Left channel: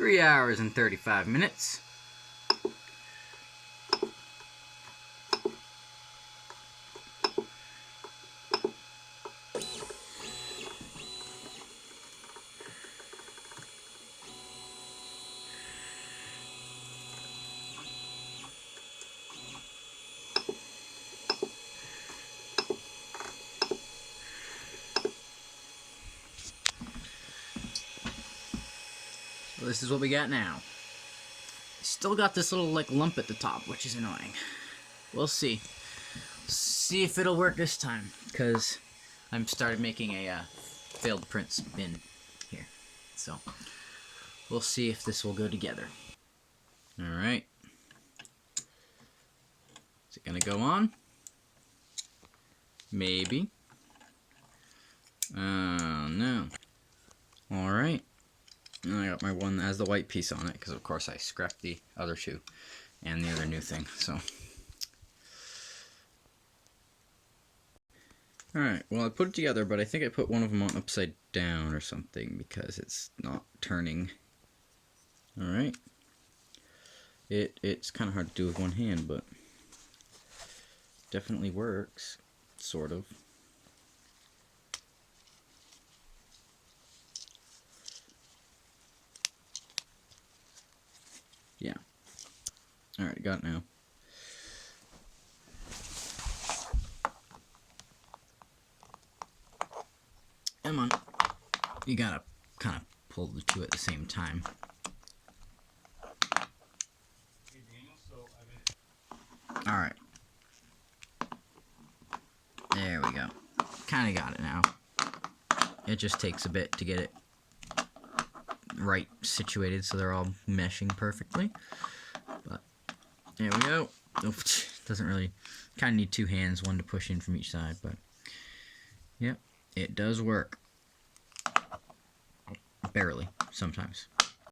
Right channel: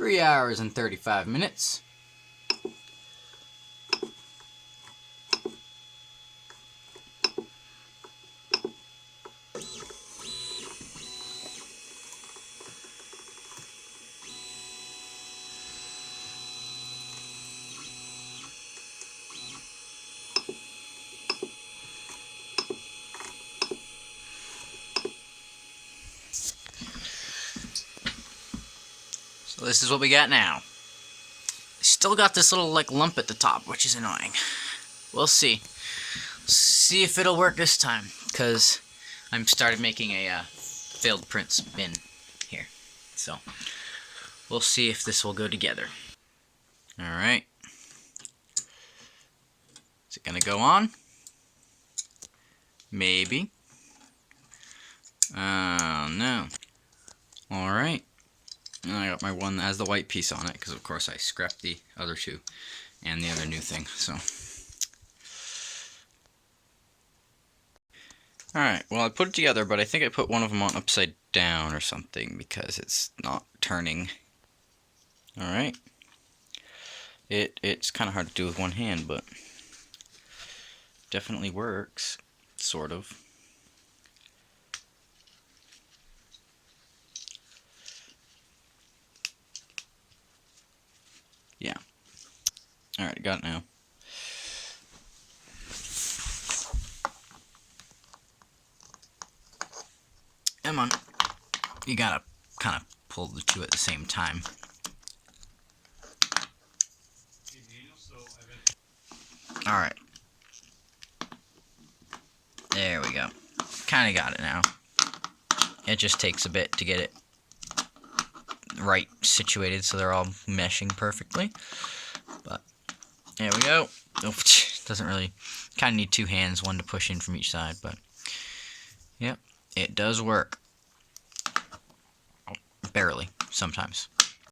3 hours and 35 minutes. So this is what we got now. Still got this little like lump at the top, which is annoying. We'll see. See if it'll work this time, because I'm started making a failed prints bin here. So we'll see if this will go together. Alright. Is it gonna go on? Maybe. Oh no. Alright. I got my one that has the white piece on it, because of course I scrapped the other two and the other new thing, so. Alright, well I put it together, but I think I put one of them on upside down or something, because it's not turning. Alright. It's kind of hard to do with one hand, but definitely works, sort of. Yeah. Alright, got it now. Come on. You gotta kind of pull the two at the same time. Alright. There we go. Kind of got it now. It just takes a bit to get it right situated so they're all meshing perfectly. But there we go. Oh, doesn't really, kind of need two hands, one to push in from each side, but yep, it does work. Barely, sometimes.